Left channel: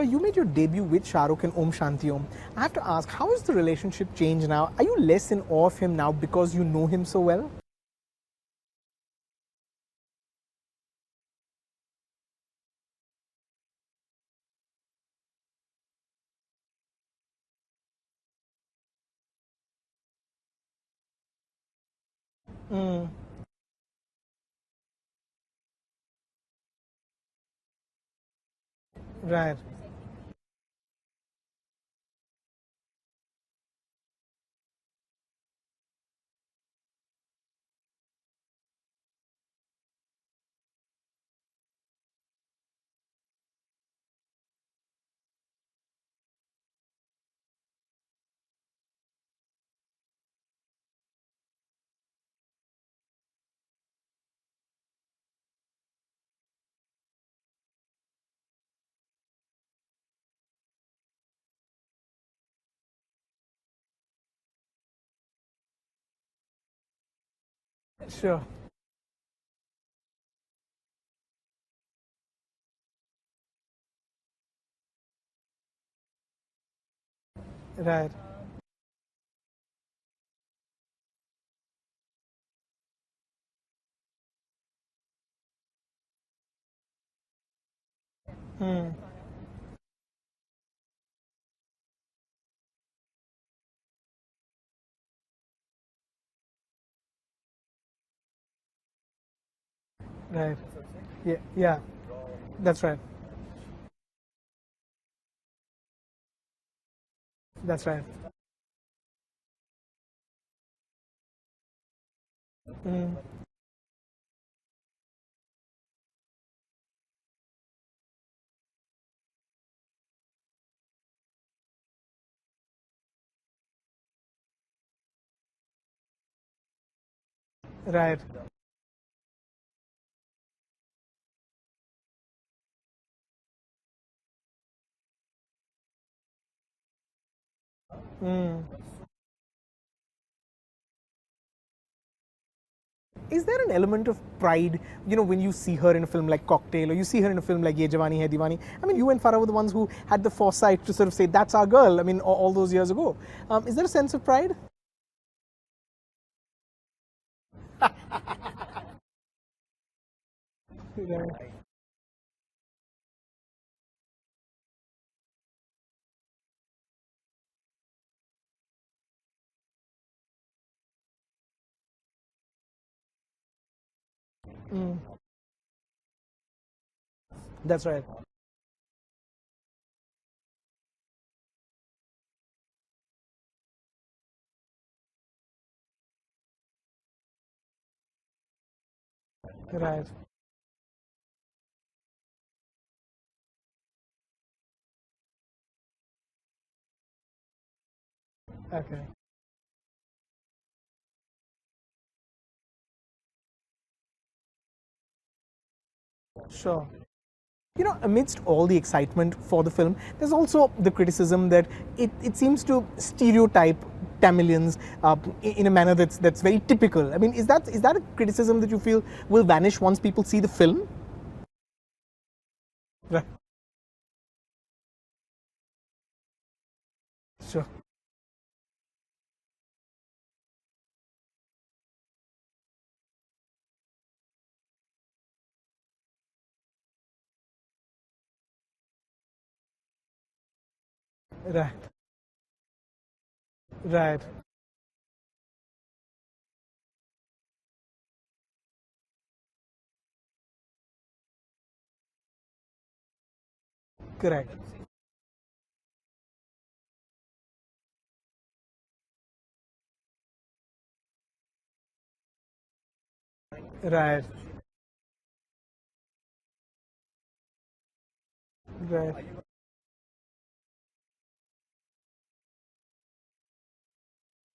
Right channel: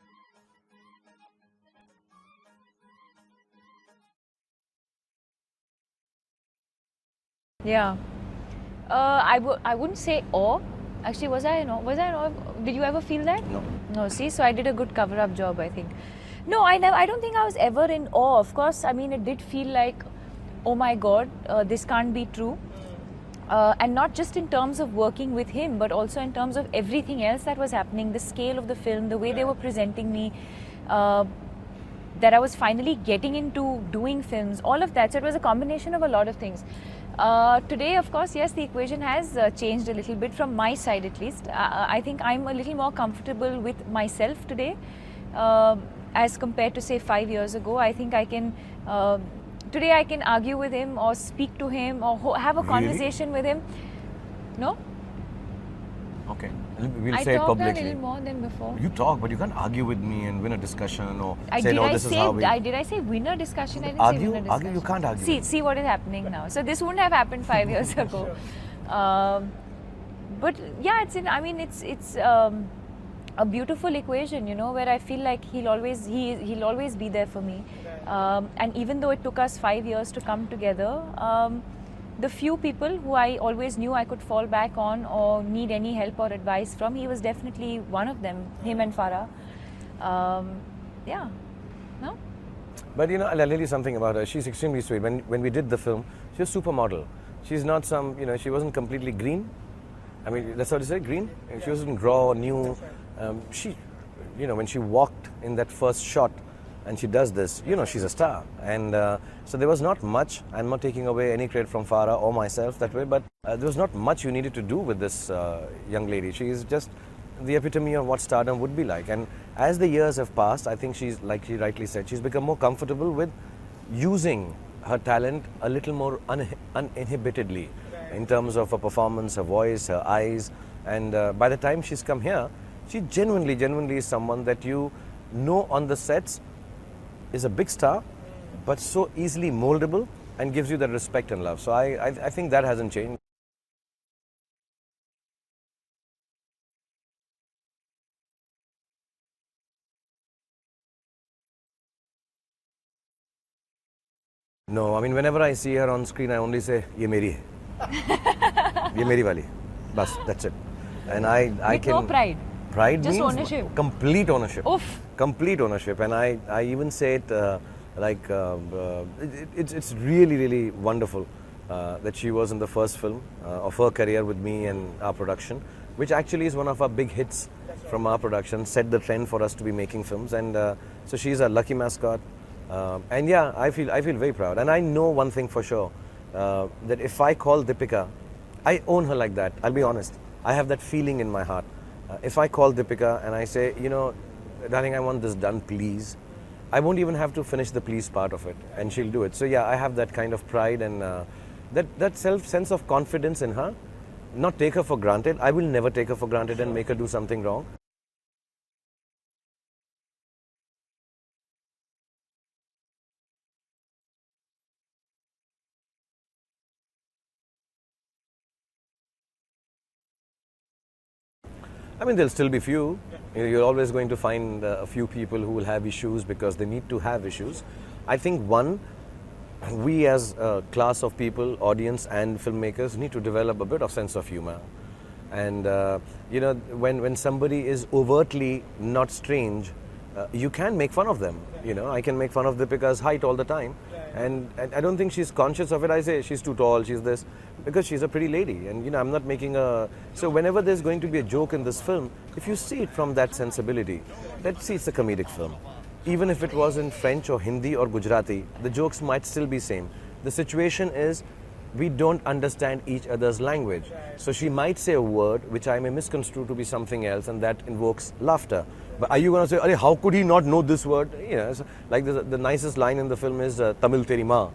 Deepika, you made your debut with ShahRukh in Om Shanti Om. I have to ask, how has the relationship changed now? Are you less in awe of him now because you know him so well? Yeah. I wouldn't say awe. Actually, was I in awe? Was I in awe? Did you ever feel that? No. No, see, so I did a good cover-up job, I think. No, I don't think I was ever in awe. Of course, I mean, it did feel like, oh my God, this can't be true. And not just in terms of working with him, but also in terms of everything else that was happening, the scale of the film, the way they were presenting me, that I was finally getting into doing films, all of that. So it was a combination of a lot of things. Today, of course, yes, the equation has changed a little bit from my side at least. I think I'm a little more comfortable with myself today as compared to, say, 5 years ago. I think I can... today I can argue with him or speak to him or have a conversation with him. No? Okay. We'll I say it talked publicly. a little more than before. You talk, but you can't argue with me and win a discussion or say, no, this is how we... Did I say win a discussion? I didn't say win a discussion. Argue, you can't argue. See what is happening now. So this wouldn't have happened 5 years ago. Sure. But yeah, it's a beautiful equation, you know, where I feel like he'll always be there for me. Right. And even though it took us 5 years to come together, the few people who I always knew I could fall back on or need any help or advice from, he was definitely one of them, him and Farah. Yeah. No? But you know, I'll tell you something about her. She's extremely sweet. When we did the film, she was supermodel. She's not some, you know, she wasn't completely green. I mean, that's what you say, green? Yeah. She wasn't raw or new. That's right. She, you know, when she walked in that first shot and she does this, you know, she's a star. And so there was not much. I'm not taking away any credit from Farah or myself that way, but there was not much you needed to do with this young lady. She is just the epitome of what stardom would be like. And as the years have passed, I think she's, like she rightly said, she's become more comfortable with using her talent a little more uninhibitedly in terms of her performance, her voice, her eyes. And by the time she's come here, she genuinely is someone that you know on the sets is a big star, but so easily moldable and gives you that respect and love. So I think that hasn't changed. Is there an element of pride, you know, when you see her in a film like Cocktail or you see her in a film like Ye Jawani Hai Diwani? I mean, you and Farah were the ones who had the foresight to sort of say, that's our girl, I mean, all those years ago. Is there a sense of pride? No, I mean, whenever I see her on screen, I only say, ye meri hai. Ye meri wali. Bas, that's it. And I With can... no pride? Pride just means ownership. Complete ownership. Oof. Complete ownership. And I even say it it's really wonderful that she was in the first film of her career with me and our production, which actually is one of our big hits from our production, set the trend for us to be making films. And so she's a lucky mascot. And yeah, I feel very proud. And I know one thing for sure, that if I call Deepika, I own her like that. I'll be honest. I have that feeling in my heart. If I call Deepika and I say, you know, darling, I want this done, please. I won't even have to finish the please part of it, and she'll do it. So yeah, I have that kind of pride and that sense of confidence in her. Not take her for granted. I will never take her for granted and make her do something wrong. You know, amidst all the excitement for the film, there's also the criticism that it seems to stereotype Tamilians in a manner that's very typical. I mean, is that a criticism that you feel will vanish once people see the film? I mean, there'll still be few. Right. You're always going to find a few people who will have issues because they need to have issues. Sure. I think we as a class of people, audience and filmmakers, need to develop a bit of sense of humor. And you know, when somebody is overtly not strange, you can make fun of them. Right. You know, I can make fun of Deepika's height all the time. Right. And I don't think she's conscious of it. I say she's too tall, she's this, because she's a pretty lady. And you know, I'm not making a... So whenever there's going to be a joke in this film, if you see it from that sensibility, let's see, it's a comedic film. Even if it was in French or Hindi or Gujarati, the jokes might still be same. The situation is, we don't understand each other's language. Right. So she might say a word which I may misconstrue to be something else, and that invokes laughter. Right. But are you going to say, how could he not know this word? You know, so like the nicest line in the film is Tamil teri maa.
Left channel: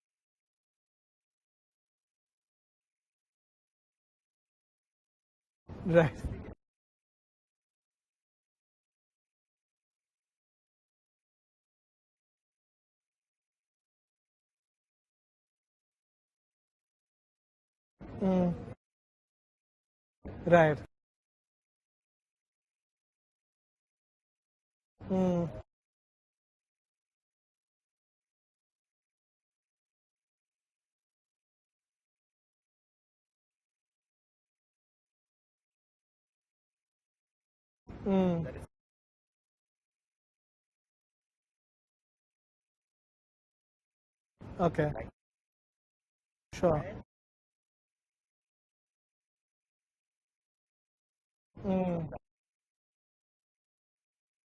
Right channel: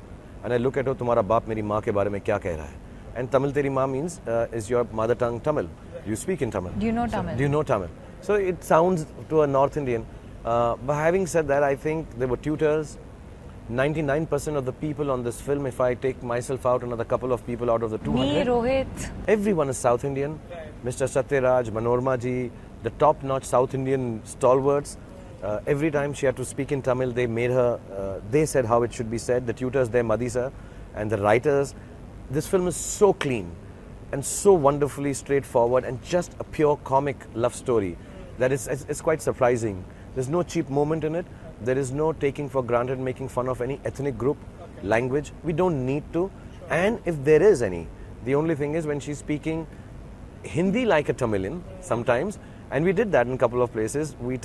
And I look at her, tumhara baap meri maa ke baare mein kya keh raha hai? And Tamil teri maa means is your mother tongue Tamil. Right. You speak in Tamil. Do you know Tamil? Do you know Tamil? So it sounds to a North Indian. But having said that, I think there were tutors. 99% of the people on this film, if I take myself out, another couple of people out of the 200. Me, Rohit. Everyone is South Indian. Right. Mr. Satyaraj, Manorma ji, the top-notch South Indian stalwarts. Every time she had to speak in Tamil, they made her, they said how it should be said. The tutors there, Madisa, and the writers. This film is so clean and so wonderfully straightforward and just a pure comic love story that it's quite surprising. There's no cheap moment in it. There is no taking for granted, making fun of any ethnic group, language. We don't need to. Sure. And if there is any, the only thing is when she's speaking Hindi like a Tamilian sometimes, and we did that in a couple of places, we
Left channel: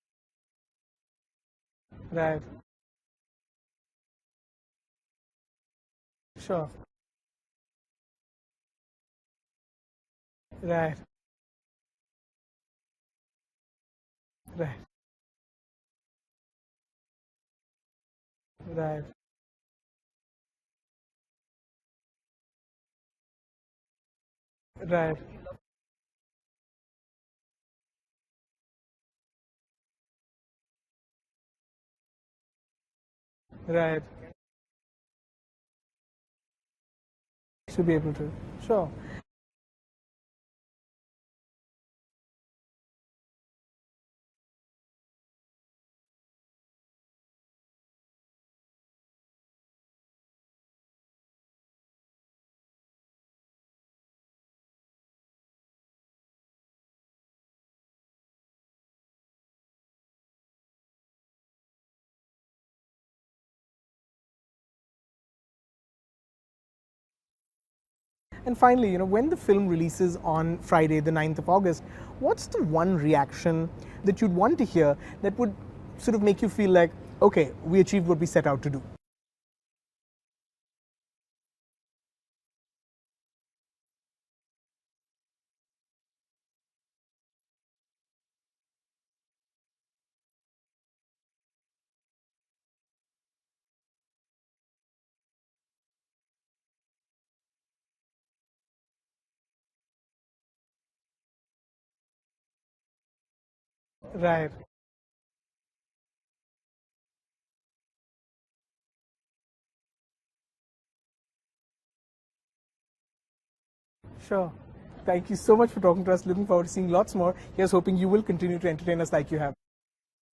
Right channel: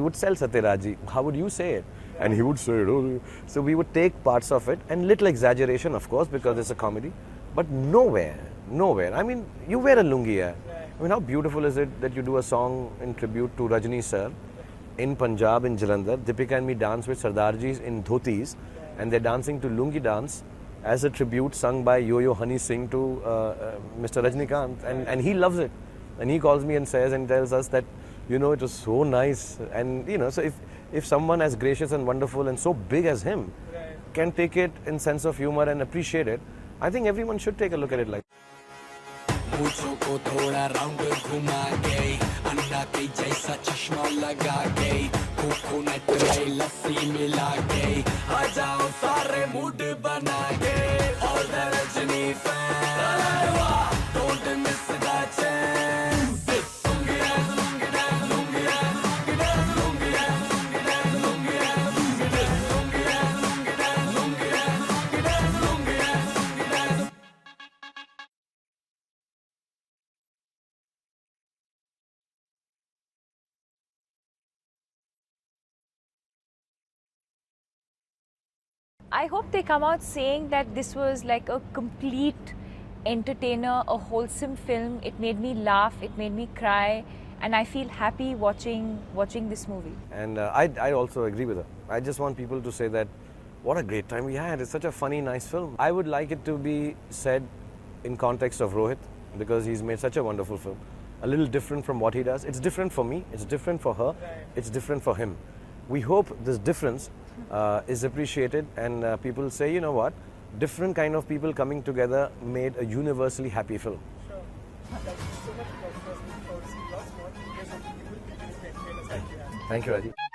would tell Satyaraji, how would you say it? Right. And he would say it. Oh. So we would take parts of it, and little exaggeration, of course, because it's a comedy, but nowhere. I mean, you wear a lungi. Right. I mean, how beautiful is it that you do a song in tribute to Rajni sir in Punjab, in Jalandhar. Deepika and me dance with Sardarjis in dhotis, and they're dancing to lungi dance as a tribute sung by Yo-Yo Honey Singh to Mr. Rajnikant, and he loves it. And he calls me and says and tells us that, you know, it was so nice. And, you know, so if someone as gracious and wonderful and so big as him can take it in sense of humor and appreciate it, I think everyone should take a look at it like. Sure. मूछों को थोड़ा round घुमा के अंडा के जैसा चश्मा लगा के कोकोनट में लस्सी मिला के आ जाओ सारे मूड बना के और the Rajni fan don't miss the chance And finally, you know, when the film releases on Friday, the 9th of August, what's the one reaction that you'd want to hear that would sort of make you feel like, okay, we achieved what we set out to do? I hope they come out saying that this was like a complete entertainer, a wholesome film. It made me laugh, it made me cry, and I feel happy watching this movie. And I also agree with her. I just want people to say that, what a great time we had. It's such a funny, nice film. I would like it to be said in context of Rohit, because he's made such a wonderful film. A little different from what he does. It's different for me, it's different for her, it's different for him. We hope this difference is appreciated, and people say, you know what, different kind of people coming together made a universally happy film. Sure. Thank you so much for talking to us. Looking forward to seeing lots more. Here's hoping you will continue to entertain us like you have. Thank you, Rajeev.